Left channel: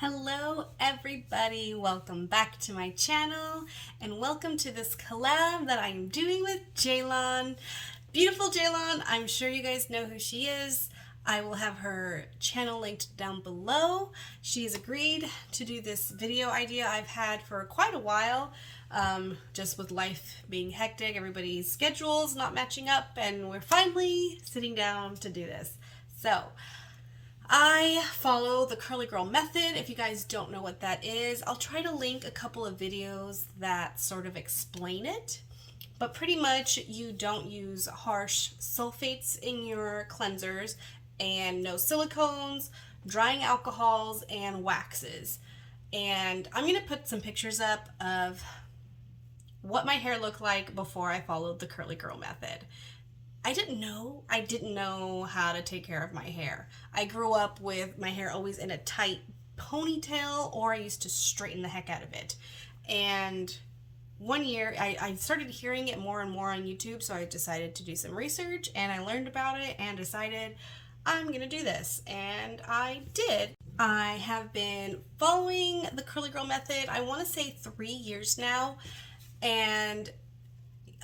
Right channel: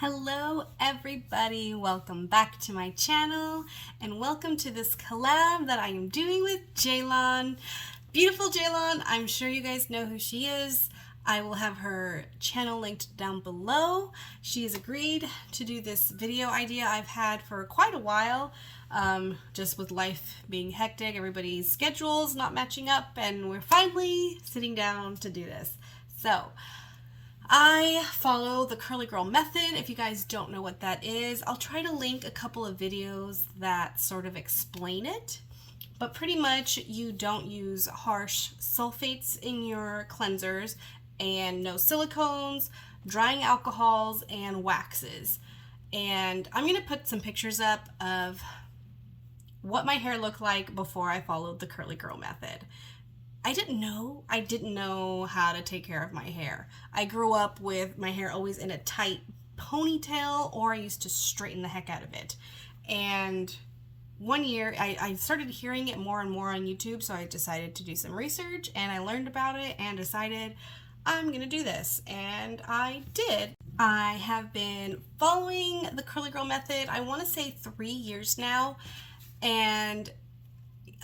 Hello everybody, welcome back to my channel and welcome to this collab that I am doing with Ceylan. Beautiful Ceylan, I'm sure you guys know who she is. I will have her channel linked down below. She has agreed to do this video idea I've had for quite a while, just with life being hectic, everybody's schedules not matching up, and we're finally sitting down to do this. So I follow the curly girl method. If you guys don't know what that is, I'll try to link a couple of videos that sort of explain it. But pretty much you don't use harsh sulfates in your cleansers and no silicones, drying alcohols, and waxes. And I'm going to put some pictures up of what my hair looked like before I followed the curly girl method. I didn't know how to take care of my hair. I grew up with my hair always in a tight ponytail, or I used to straighten the heck out of it. And one year I started hearing it more and more on YouTube, so I decided to do some research and I learned about it and decided I'm gonna do this, and I did. I have been following the curly girl method, I want to say 3 years now, and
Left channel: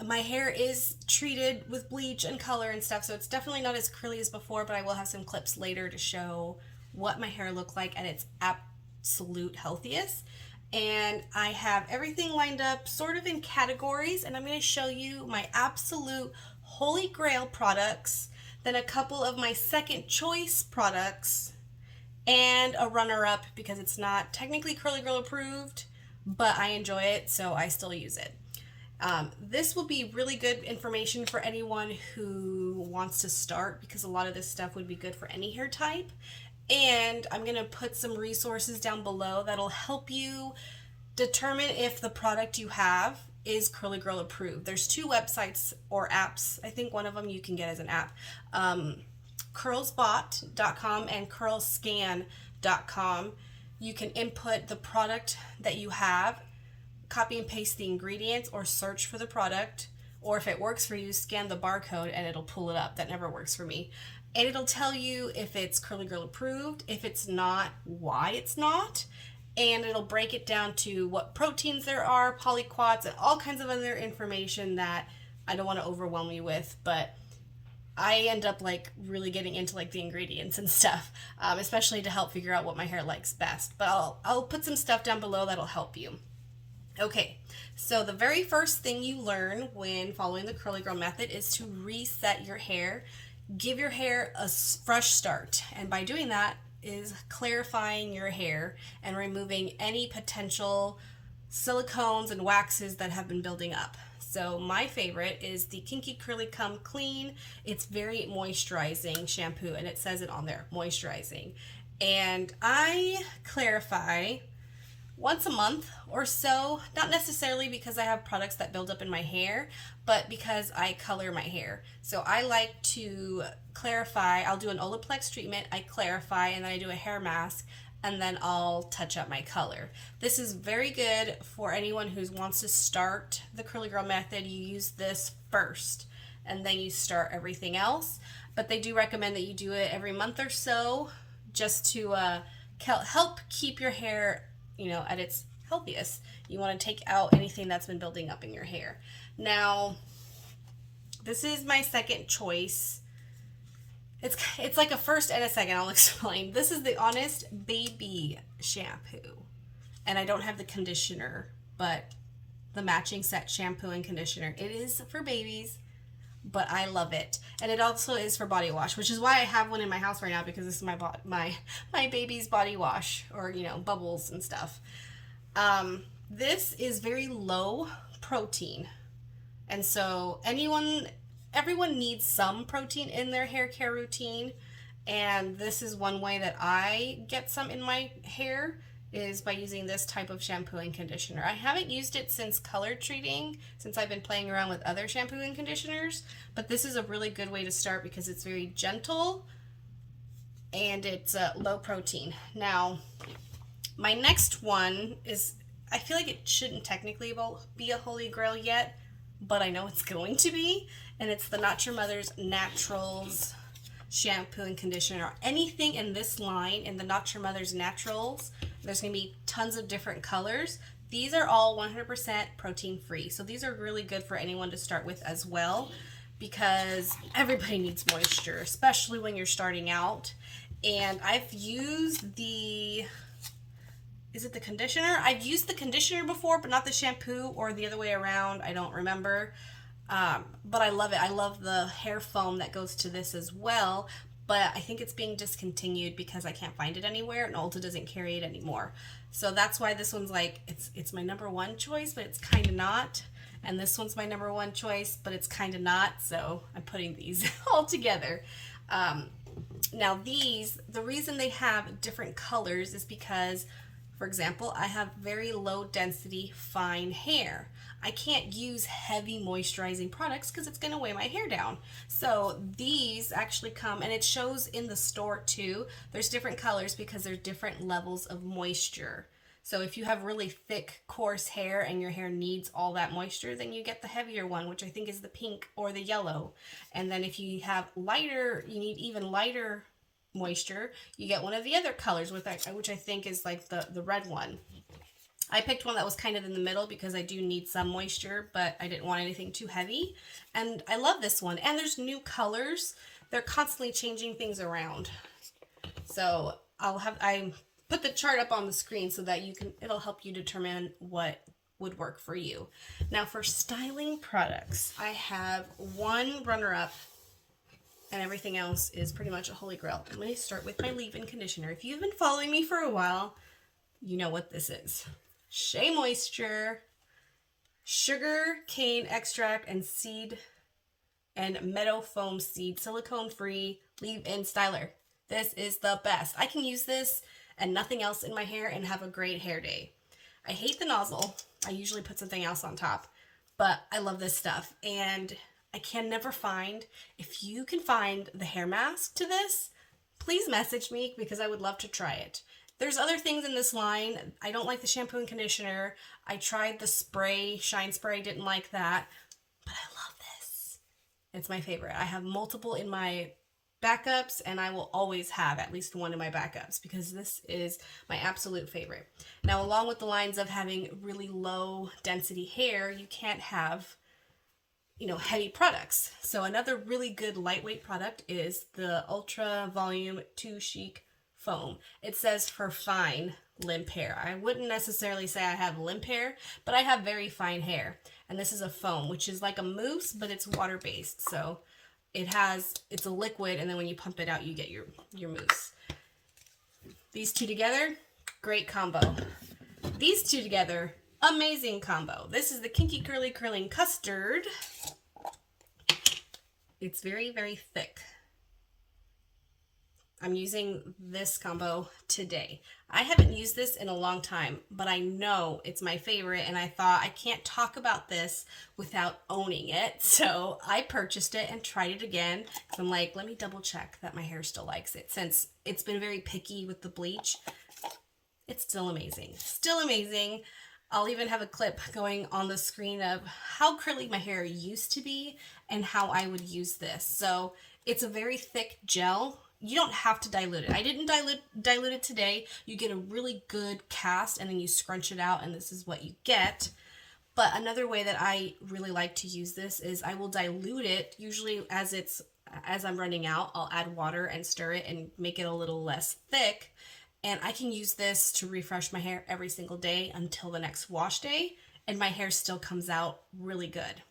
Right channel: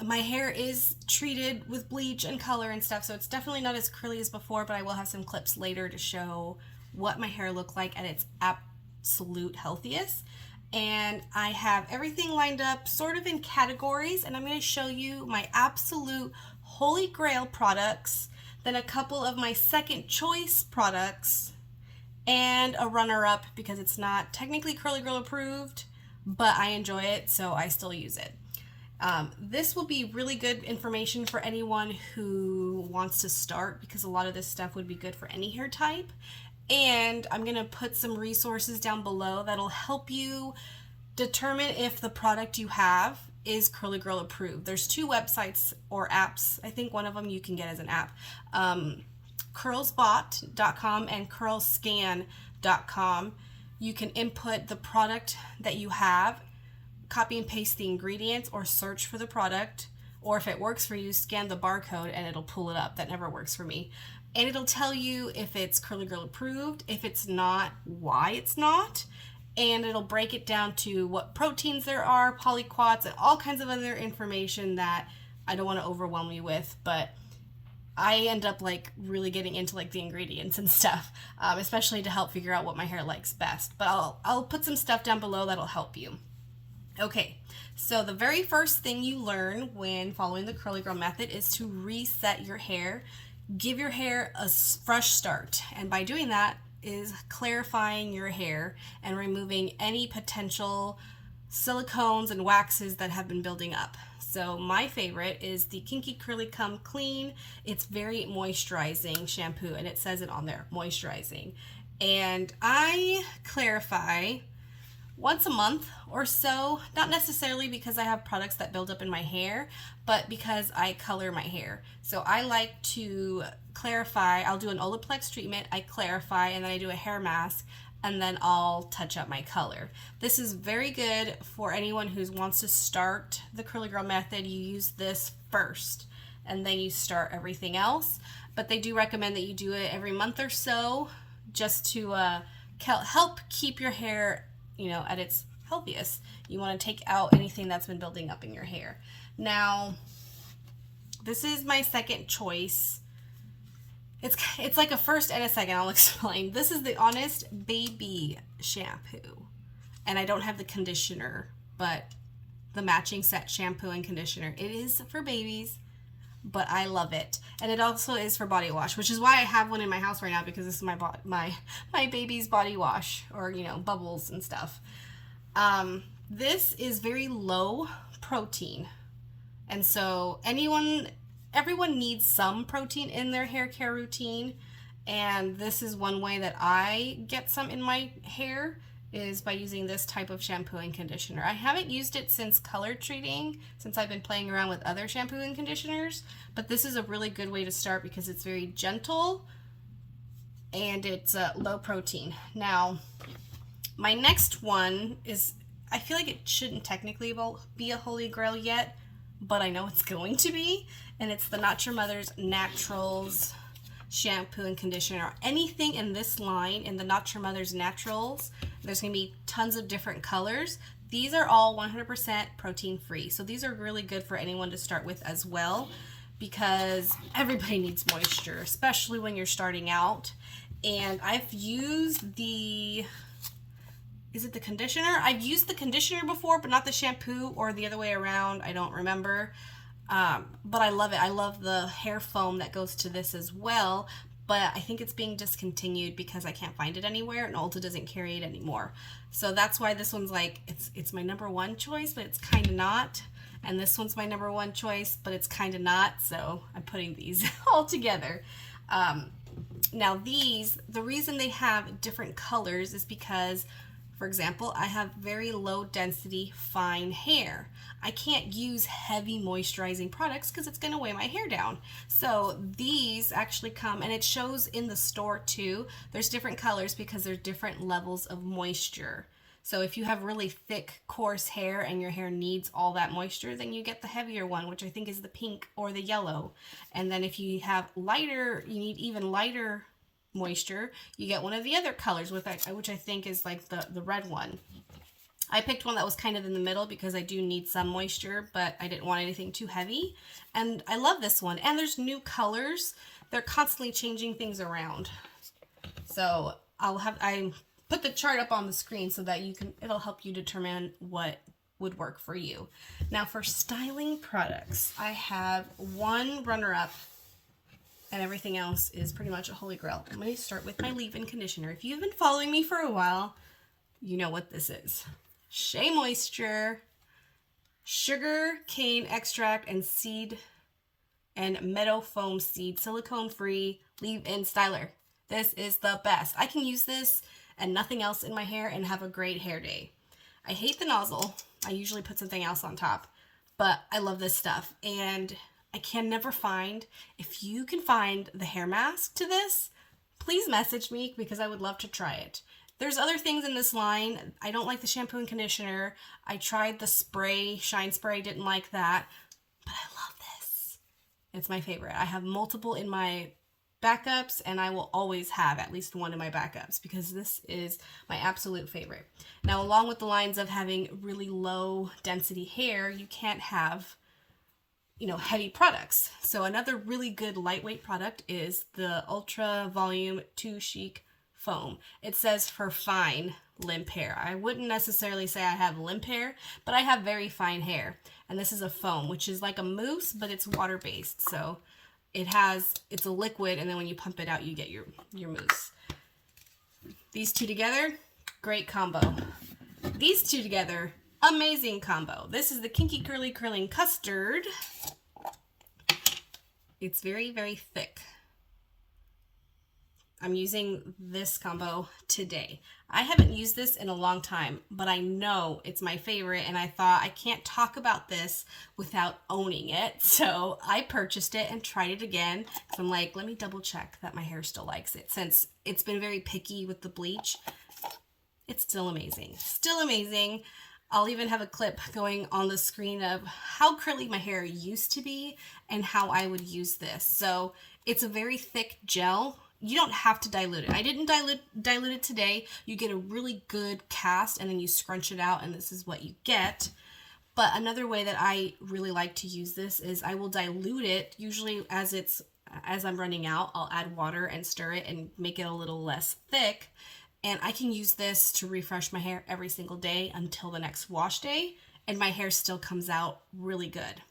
my hair is treated with bleach and color and stuff, so it's definitely not as curly as before, but I will have some clips later to show what my hair looked like at its absolute healthiest. And I have everything lined up sort of in categories, and I'm going to show you my absolute holy grail products, then a couple of my second choice products, and a runner-up because it's not technically curly girl approved, but I enjoy it, so I still use it. This will be really good information for anyone who wants to start, because a lot of this stuff would be good for any hair type. And I'm going to put some resources down below that'll help you determine if the product you have is curly girl approved. There's 2 websites or apps. I think one of them you can get as an app. Curlsbot.com and curlscan.com. You can input the product that you have, copy and paste the ingredients, or search for the product, or if it works for you, scan the barcode and it'll pull it up. That never works for me. And it'll tell you if it's curly girl approved, if it's not, why it's not, and it'll break it down to what proteins there are, polyquats, and all kinds of other information that I don't want to overwhelm you with, but I end up like really getting into like the ingredients and stuff, especially to help figure out what my hair likes best. But I'll put some stuff down below that'll help you. Okay, so the very first thing you learn when following the curly girl method is to reset your hair. Give your hair a fresh start, and by doing that is clarifying your hair and removing any potential silicones and waxes that have been building up. So my favorite is the Kinky Curly Come Clean. It's very moisturizing shampoo, and it says it on there, moisturizing. And I clarify once a month or so, not necessarily because I have products that build up in my hair, but because I color my hair. So I like to clarify. I'll do an Olaplex treatment, I clarify, and then I do a hair mask, and then I'll touch up my color. This is very good for anyone who wants to start the curly girl method. You use this first and then you start everything else, but they do recommend that you do it every month or so, just to help keep your hair, you know, at its healthiest. You want to take out anything that's been building up in your hair. Now, this is my second choice. It's like a first and a second. I'll explain. This is the Honest Baby shampoo, and I don't have the conditioner, but the matching set shampoo and conditioner. It is for babies, but I love it. And it also is for body wash, which is why I have one in my house right now, because this is my baby's body wash, or, you know, bubbles and stuff. This is very low protein, and so everyone needs some protein in their hair care routine, and this is one way that I get some in my hair, is by using this type of shampoo and conditioner. I haven't used it since color treating, since I've been playing around with other shampoo and conditioners, but this is a really good way to start because it's very gentle and it's low protein. Now, my next one is, I feel like it shouldn't technically be a holy grail yet, but I know it's going to be, and it's the Not Your Mother's Naturals shampoo and conditioner. Anything in this line, in the Not Your Mother's Naturals, There's going to be tons of different colors. These are all 100% protein free. So these are really good for anyone to start with as well, because everybody needs moisture, especially when you're starting out. And I've used the, is it the conditioner? I've used the conditioner before, but not the shampoo, or the other way around. I don't remember. But I love it. I love the hair foam that goes to this as well. But I think it's being discontinued because I can't find it anywhere, and Ulta doesn't carry it anymore. So that's why this one's like, it's my number one choice, but it's kind of not. And this one's my number one choice, but it's kind of not. So I'm putting these all together. Now these, the reason they have different colors is because, for example, I have very low density fine hair. I can't use heavy moisturizing products because it's going to weigh my hair down. So these actually come, and it shows in the store too. There's different colors because there's different levels of moisture. So if you have really thick, coarse hair and your hair needs all that moisture, then you get the heavier one, which I think is the pink or the yellow. And then if you have lighter, you need even lighter moisture, you get one of the other colors, with which I think is like the red one. I picked one that was kind of in the middle because I do need some moisture, but I didn't want anything too heavy. And I love this one. And there's new colors. They're constantly changing things around. So I put the chart up on the screen so that it'll help you determine what would work for you. Now for styling products, I have one runner-up, and everything else is pretty much a holy grail. I'm going to start with my leave-in conditioner. If you've been following me for a while, you know what this is. Shea Moisture, sugar cane extract, and seed and meadow foam seed, silicone-free leave-in styler. This is the best. I can use this and nothing else in my hair and have a great hair day. I hate the nozzle. I usually put something else on top, but I love this stuff. And I can never find, if you can find the hair mask to this, please message me because I would love to try it. There's other things in this line. I don't like the shampoo and conditioner. I tried the spray, shine spray, didn't like that, but I love this. It's my favorite. I have multiple in my backups, and I will always have at least one in my backups because this is my absolute favorite. Now, along with the lines of having really low density hair, you can't have, heavy products. So another really good lightweight product is the Ultra Volume 2 Chic Foam. It says for fine limp hair. I wouldn't necessarily say I have limp hair, but I have very fine hair. And this is a foam, which is like a mousse, but it's water-based. So it's a liquid, and then when you pump it out, you get your mousse. These two together, great combo. These two together, amazing combo. This is the Kinky Curling Custard. It's very, very thick. I'm using this combo today. I haven't used this in a long time, but I know it's my favorite, and I thought I can't talk about this without owning it. So I purchased it and tried it again. So I'm like, let me double check that my hair still likes it. Since it's been very picky with the bleach, it's still amazing. Still amazing. I'll even have a clip going on the screen of how curly my hair used to be and how I would use this. So it's a very thick gel. You don't have to dilute it. I didn't dilute it today. You get a really good cast, and then you scrunch it out, and this is what you get. But another way that I really like to use this is I will dilute it. Usually as I'm running out, I'll add water and stir it and make it a little less thick. And I can use this to refresh my hair every single day until the next wash day, and my hair still comes out really good.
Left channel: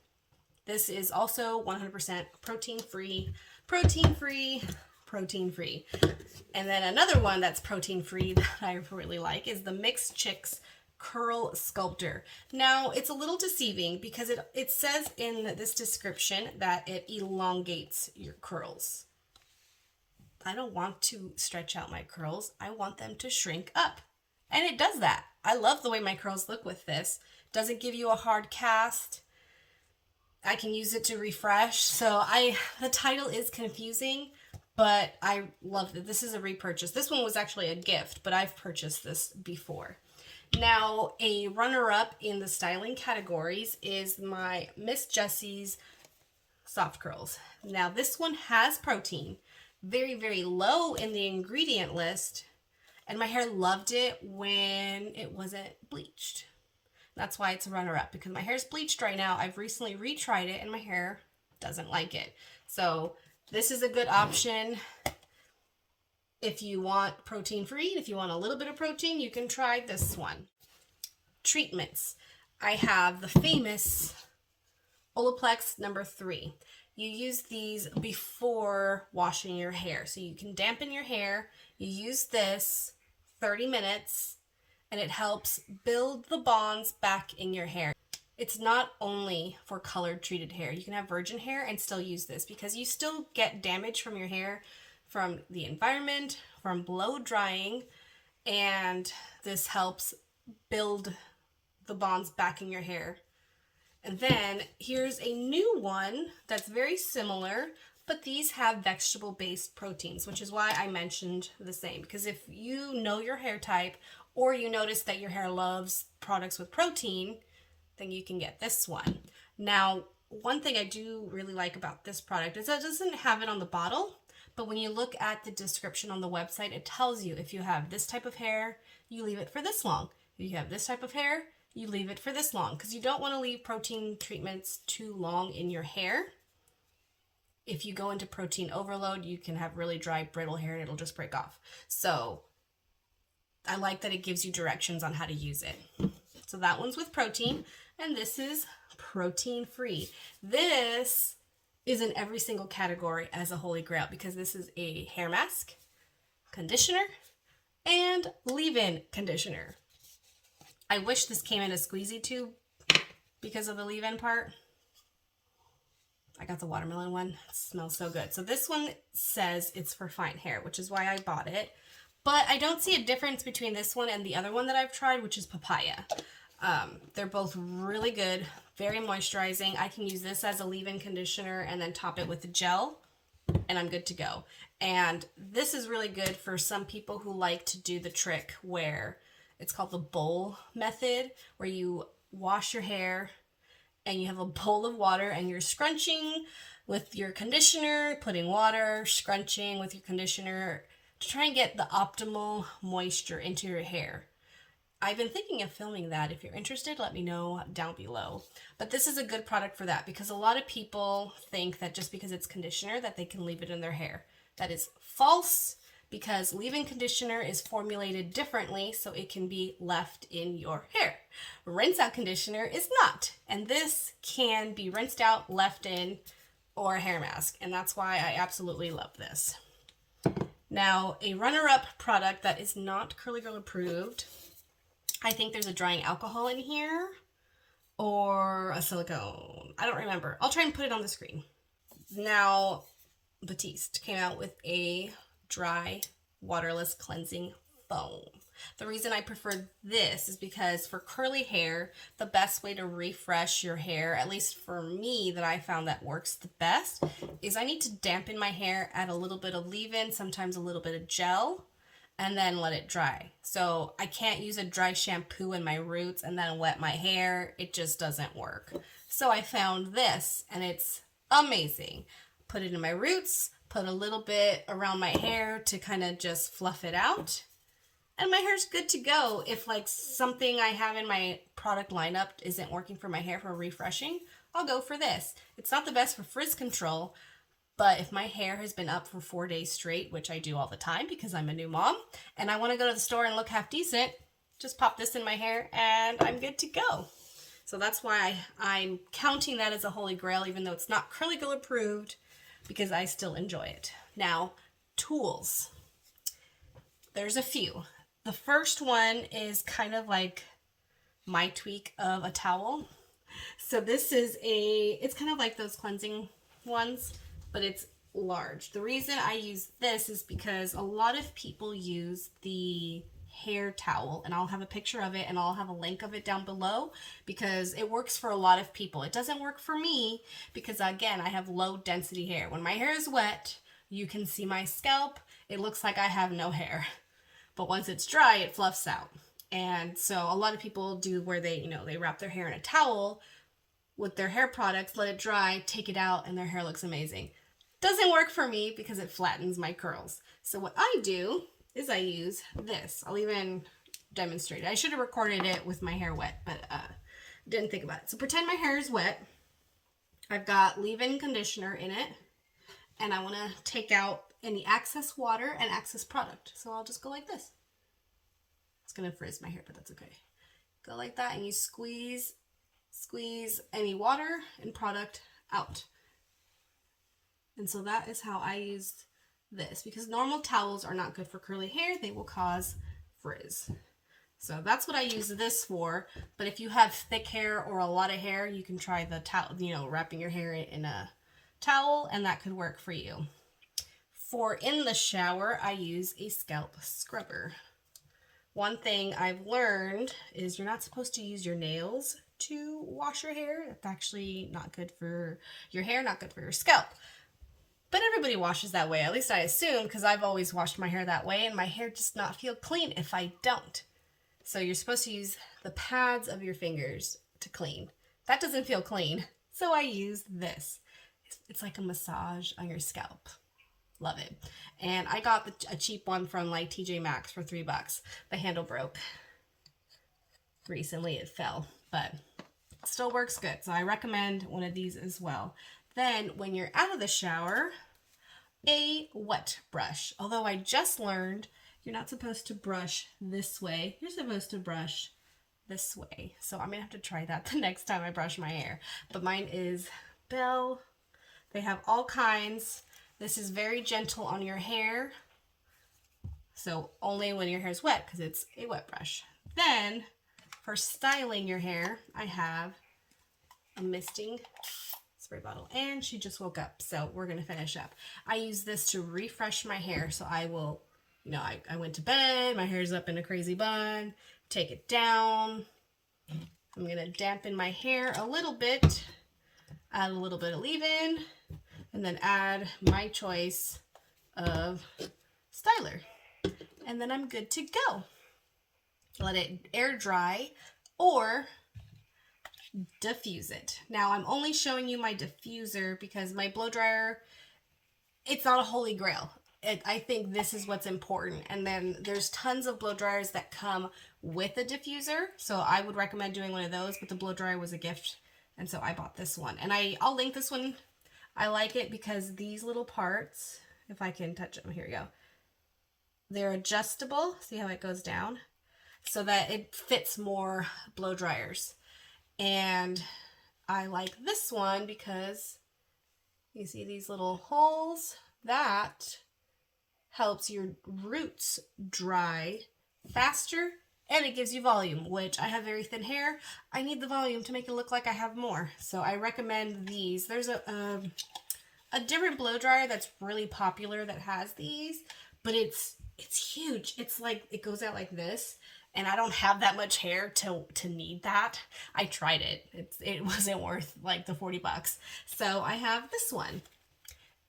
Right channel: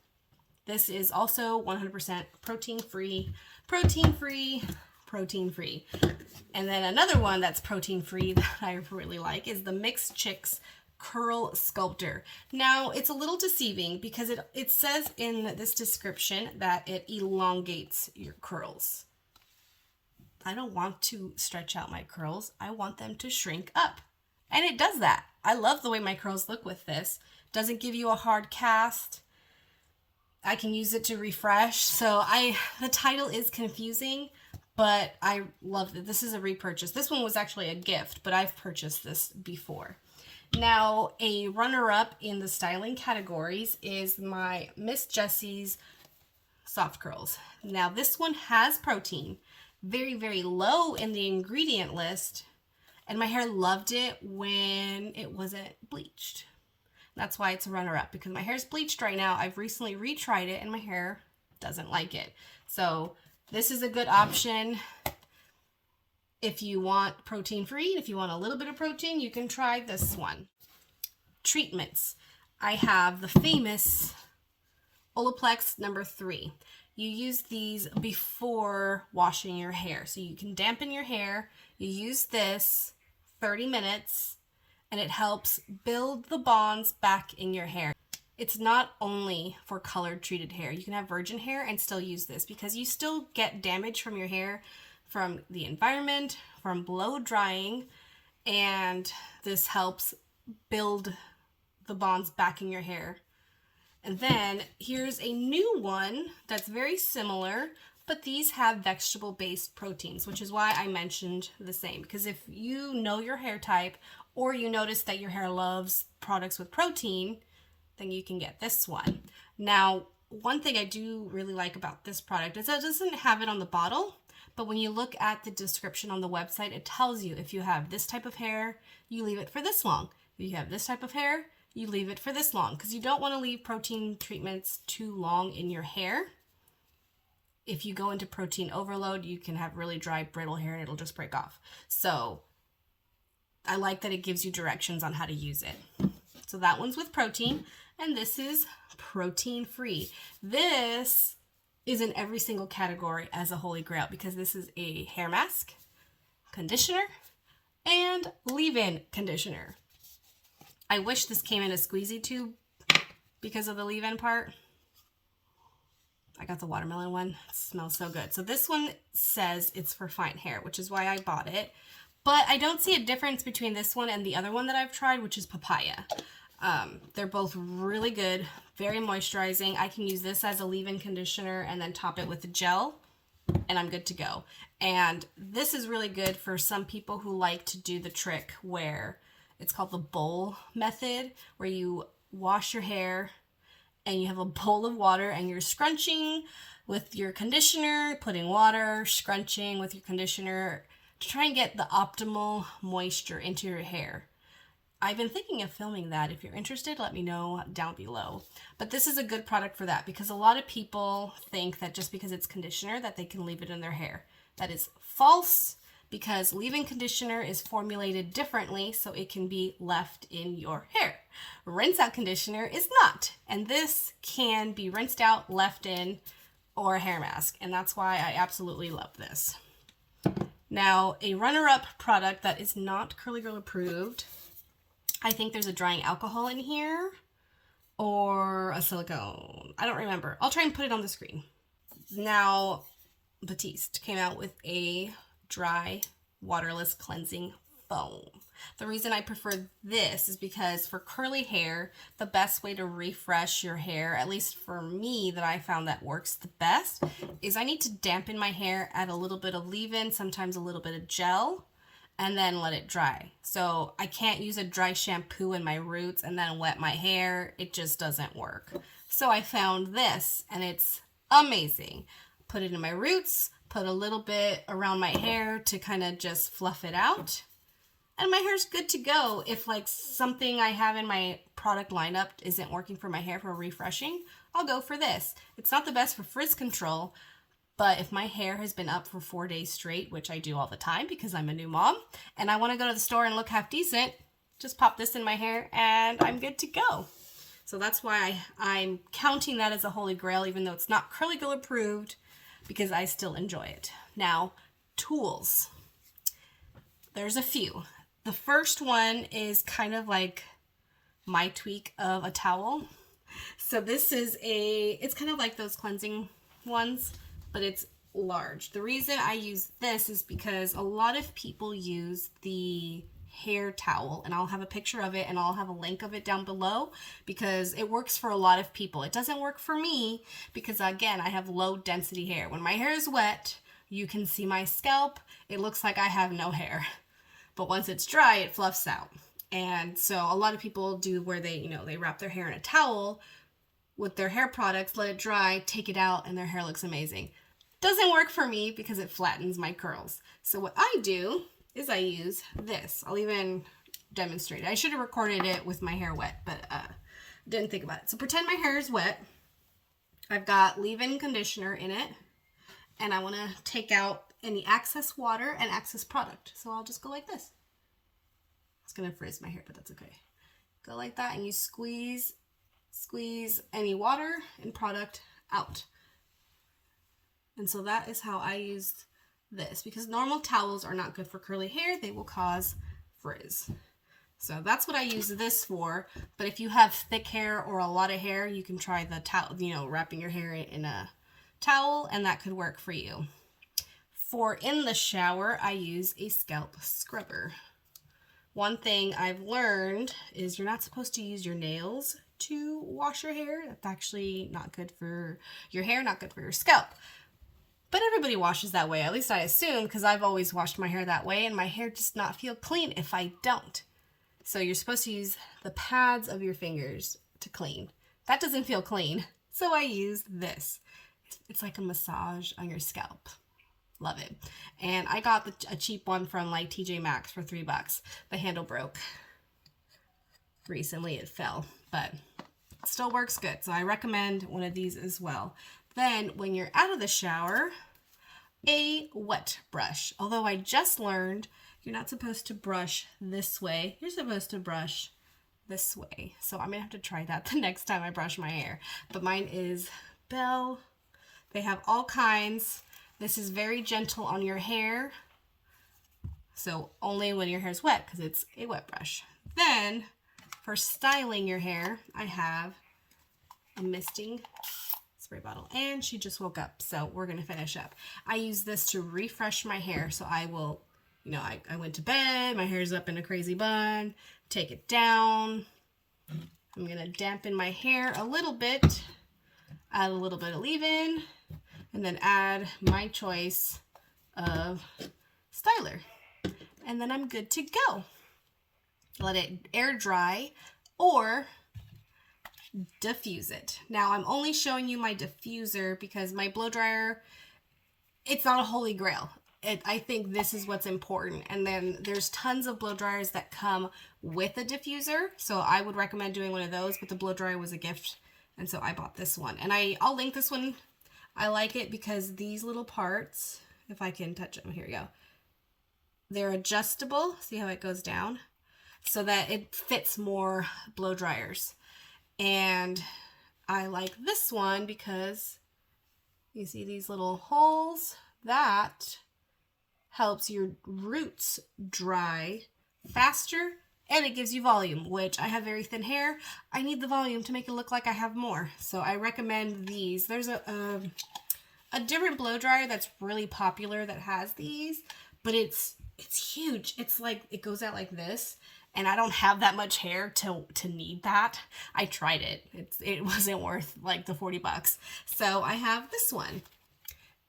This is also 100% protein-free, protein-free, protein-free. And then another one that's protein-free that I really like is the Mixed Chicks Curl Sculptor. Now, it's a little deceiving because it says in this description that it elongates your curls. I don't want to stretch out my curls. I want them to shrink up. And it does that. I love the way my curls look with this. Doesn't give you a hard cast. I can use it to refresh. So the title is confusing, but I love it. This is a repurchase. This one was actually a gift, but I've purchased this before. Now, a runner-up in the styling categories is my Miss Jessie's Soft Curls. Now, this one has protein. Very, very low in the ingredient list, And my hair loved it when it wasn't bleached. That's why it's a runner-up, because my hair's bleached right now. I've recently retried it and my hair doesn't like it. So this is a good option if you want protein-free. If you want a little bit of protein, you can try this one. Treatments. I have the famous Olaplex number 3. You use these before washing your hair. So you can dampen your hair. You use this 30 minutes and it helps build the bonds back in your hair. It's not only for colored treated hair. You can have virgin hair and still use this because you still get damage from your hair from the environment, from blow drying, and this helps build the bonds back in your hair. And then here's a new one that's very similar, but these have vegetable-based proteins, which is why I mentioned the same. Because if you know your hair type, or you notice that your hair loves products with protein, then you can get this one. Now, one thing I do really like about this product is that it doesn't have it on the bottle, but when you look at the description on the website, it tells you if you have this type of hair, you leave it for this long. If you have this type of hair, you leave it for this long, because you don't want to leave protein treatments too long in your hair. If you go into protein overload, you can have really dry, brittle hair and it'll just break off. So I like that it gives you directions on how to use it. So that one's with protein, and this is protein free. This is in every single category as a holy grail, because this is a hair mask, conditioner, and leave-in conditioner. I wish this came in a squeezy tube because of the leave-in part. I got the watermelon one. It smells so good. So this one says it's for fine hair, which is why I bought it. But I don't see a difference between this one and the other one that I've tried, which is papaya. They're both really good, very moisturizing. I can use this as a leave-in conditioner and then top it with a gel, and I'm good to go. And this is really good for some people who like to do the trick where it's called the bowl method, where you wash your hair and you have a bowl of water and you're scrunching with your conditioner, putting water, scrunching with your conditioner to try and get the optimal moisture into your hair. I've been thinking of filming that. If you're interested, let me know down below. But this is a good product for that, because a lot of people think that just because it's conditioner that they can leave it in their hair. That is false, because leave-in conditioner is formulated differently so it can be left in your hair. Rinse out conditioner is not, and this can be rinsed out, left in, or a hair mask, and that's why I absolutely love this. Now, a runner-up product that is not Curly Girl approved, I think there's a drying alcohol in here, or a silicone. I don't remember. I'll try and put it on the screen. Now, Batiste came out with a dry, waterless cleansing foam. The reason I prefer this is because for curly hair, the best way to refresh your hair, at least for me that I found that works the best, is I need to dampen my hair, add a little bit of leave-in, sometimes a little bit of gel, and then let it dry. So I can't use a dry shampoo in my roots and then wet my hair. It just doesn't work. So I found this, and it's amazing. Put it in my roots, put a little bit around my hair to kind of just fluff it out, and my hair's good to go. If like something I have in my product lineup isn't working for my hair for refreshing, I'll go for this. It's not the best for frizz control, but if my hair has been up for 4 days straight, which I do all the time because I'm a new mom, and I want to go to the store and look half decent, just pop this in my hair and I'm good to go. So that's why I'm counting that as a holy grail, even though it's not Curly Girl approved, because I still enjoy it. Now, tools. There's a few. The first one is kind of like my tweak of a towel. So this is it's kind of like those cleansing ones, but it's large. The reason I use this is because a lot of people use the hair towel, and I'll have a picture of it and I'll have a link of it down below, because it works for a lot of people. It doesn't work for me because, again, I have low density hair. When my hair is wet, you can see my scalp. It looks like I have no hair, but once it's dry, it fluffs out. And so a lot of people do where they wrap their hair in a towel with their hair products, let it dry, take it out, and their hair looks amazing. Doesn't work for me because it flattens my curls. So what I do is I use this. I'll even demonstrate it. I should have recorded it with my hair wet, but didn't think about it. So pretend my hair is wet. I've got leave-in conditioner in it, and I want to take out any excess water and excess product. So I'll just go like this. It's going to frizz my hair, but that's okay. Go like that, and you squeeze any water and product out. And so that is how I used this, because normal towels are not good for curly hair. They will cause frizz. So that's what I use this for. But if you have thick hair or a lot of hair, you can try the towel, you know, wrapping your hair in a towel, and that could work for you. For in the shower, I use a scalp scrubber. One thing I've learned is you're not supposed to use your nails to wash your hair. That's actually not good for your hair, not good for your scalp. But everybody washes that way, at least I assume, because I've always washed my hair that way, and my hair does not feel clean if I don't. So you're supposed to use the pads of your fingers to clean. That doesn't feel clean, so I use this. It's like a massage on your scalp. Love it. And I got a cheap one from like TJ Maxx for $3. The handle broke. Recently it fell, but it still works good. So I recommend one of these as well. Then when you're out of the shower, a wet brush. Although I just learned you're not supposed to brush this way. You're supposed to brush this way. So I'm going to have to try that the next time I brush my hair. But mine is Bell. They have all kinds. This is very gentle on your hair. So only when your hair is wet, because it's a wet brush. Then for styling your hair, I have a misting spray bottle, and she just woke up, so we're gonna finish up. I use this to refresh my hair, so I will, you know, I went to bed, my hair's up in a crazy bun, take it down. I'm gonna dampen my hair a little bit, add a little bit of leave-in, and then add my choice of styler, and then I'm good to go. Let it air dry or diffuse it. Now I'm only showing you my diffuser because my blow dryer, it's not a holy grail. I think this is what's important. And then there's tons of blow dryers that come with a diffuser, so I would recommend doing one of those, but the blow dryer was a gift, and so I bought this one. And I'll link this one. I like it because these little parts, if I can touch them, here we go. They're adjustable. See how it goes down? So that it fits more blow dryers. And I like this one because you see these little holes? That helps your roots dry faster, and it gives you volume, which I have very thin hair. I need the volume to make it look like I have more. So I recommend these. There's a different blow dryer that's really popular that has these, but it's huge. It's like, it goes out like this. And I don't have that much hair to need that. I tried it. It wasn't worth like the $40. So I have this one.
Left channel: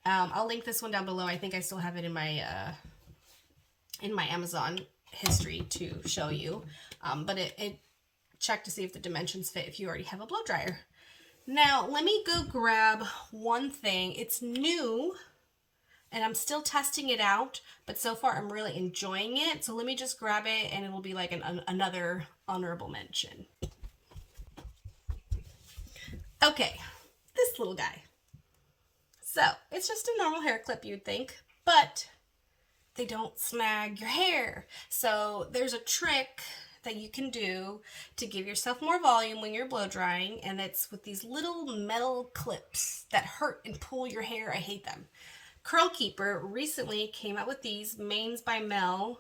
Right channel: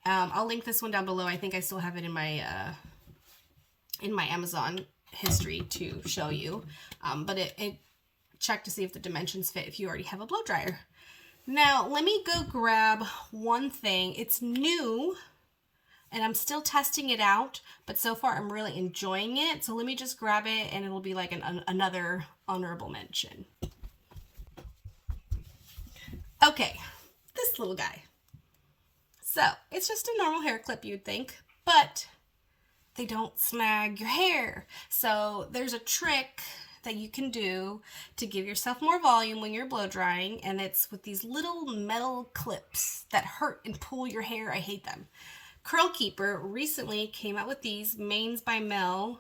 I'll link this one down below. I think I still have it in my Amazon history to show you. But it check to see if the dimensions fit if you already have a blow dryer. Now let me go grab one thing. It's new, and I'm still testing it out, but so far I'm really enjoying it. So let me just grab it, and it will be like another honorable mention. Okay, this little guy. So it's just a normal hair clip, you'd think, but they don't snag your hair. So there's a trick that you can do to give yourself more volume when you're blow drying, and it's with these little metal clips that hurt and pull your hair. I hate them. Curl Keeper recently came out with these. Mains by Mel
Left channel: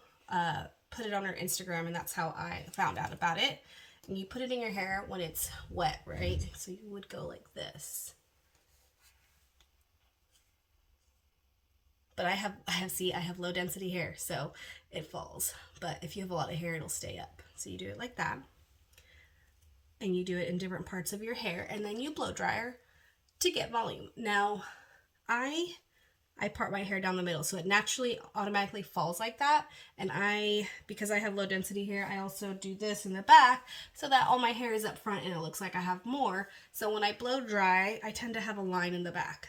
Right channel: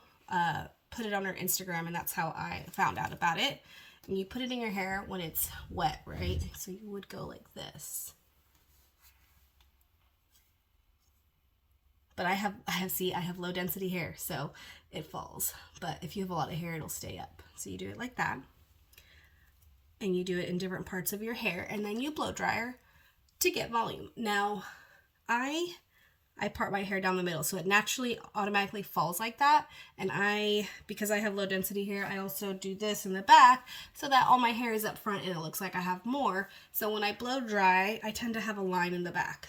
put it on her Instagram, and that's how I found out about it. And you put it in your hair when it's wet, right? So you would go like this. But I have low density hair, so it falls. But if you have a lot of hair, it'll stay up. So you do it like that. And you do it in different parts of your hair, and then you blow dryer to get volume. Now, I part my hair down the middle, so it naturally automatically falls like that. And because I have low density hair, I also do this in the back so that all my hair is up front and it looks like I have more. So when I blow dry, I tend to have a line in the back.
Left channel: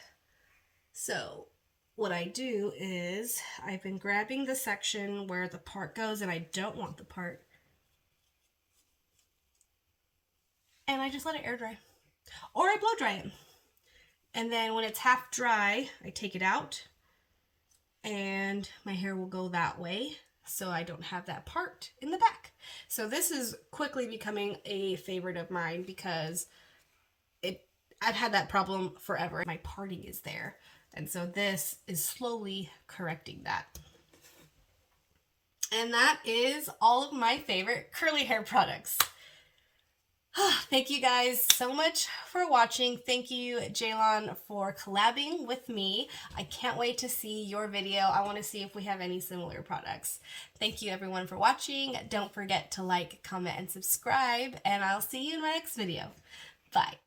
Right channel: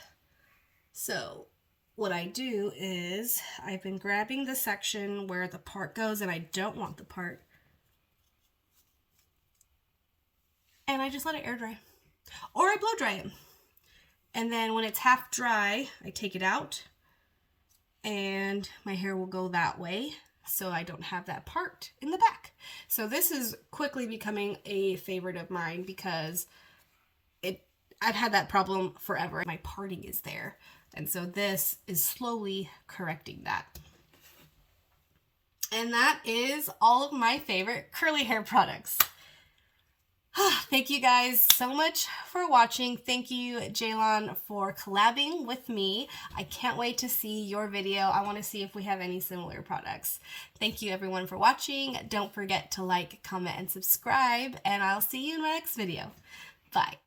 So what I do is I've been grabbing the section where the part goes and I don't want the part, and I just let it air dry, or I blow dry it. And then when it's half dry, I take it out and my hair will go that way, so I don't have that part in the back. So this is quickly becoming a favorite of mine because I've had that problem forever. My parting is there. And so this is slowly correcting that. And that is all of my favorite curly hair products. Thank you guys so much for watching. Thank you, Ceylan, for collabing with me. I can't wait to see your video. I want to see if we have any similar products. Thank you, everyone, for watching. Don't forget to like, comment, and subscribe, and I'll see you in my next video. Bye.